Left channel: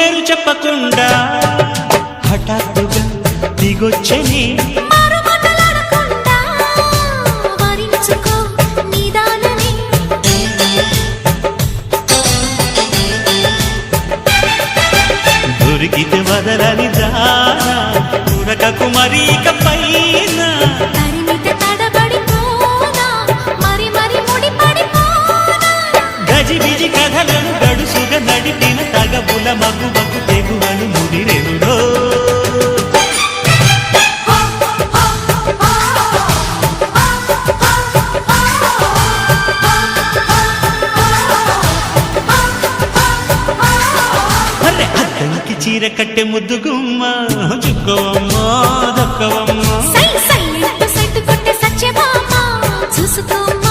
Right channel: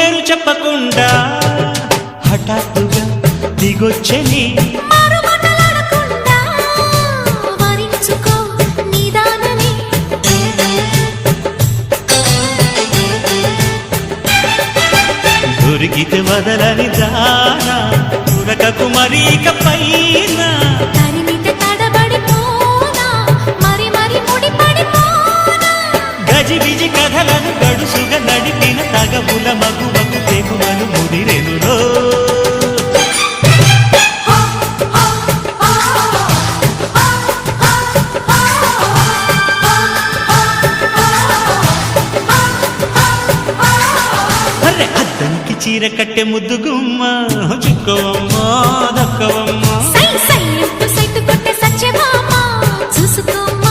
పేరు చెప్పకుండా హఠాత్తుగా దిగొచ్చని దొరికితే వదలని దానా ఉరకకు మరీక పైన తరిమితే తడబడిపోనా మరి మరి ముడిపడిపోనా గజిబిజి కథలను గడుసుగా నడిపిన తగవుల మగువకు తెగువలు ముదిరెనురో అద్దంకి చీర కట్టె ముద్దుగుమ్మ చుక్కవమ్మా దక్కవమ్మా సై సై సైటు కొట్టే సత్యభామ చూసుకోమ్మా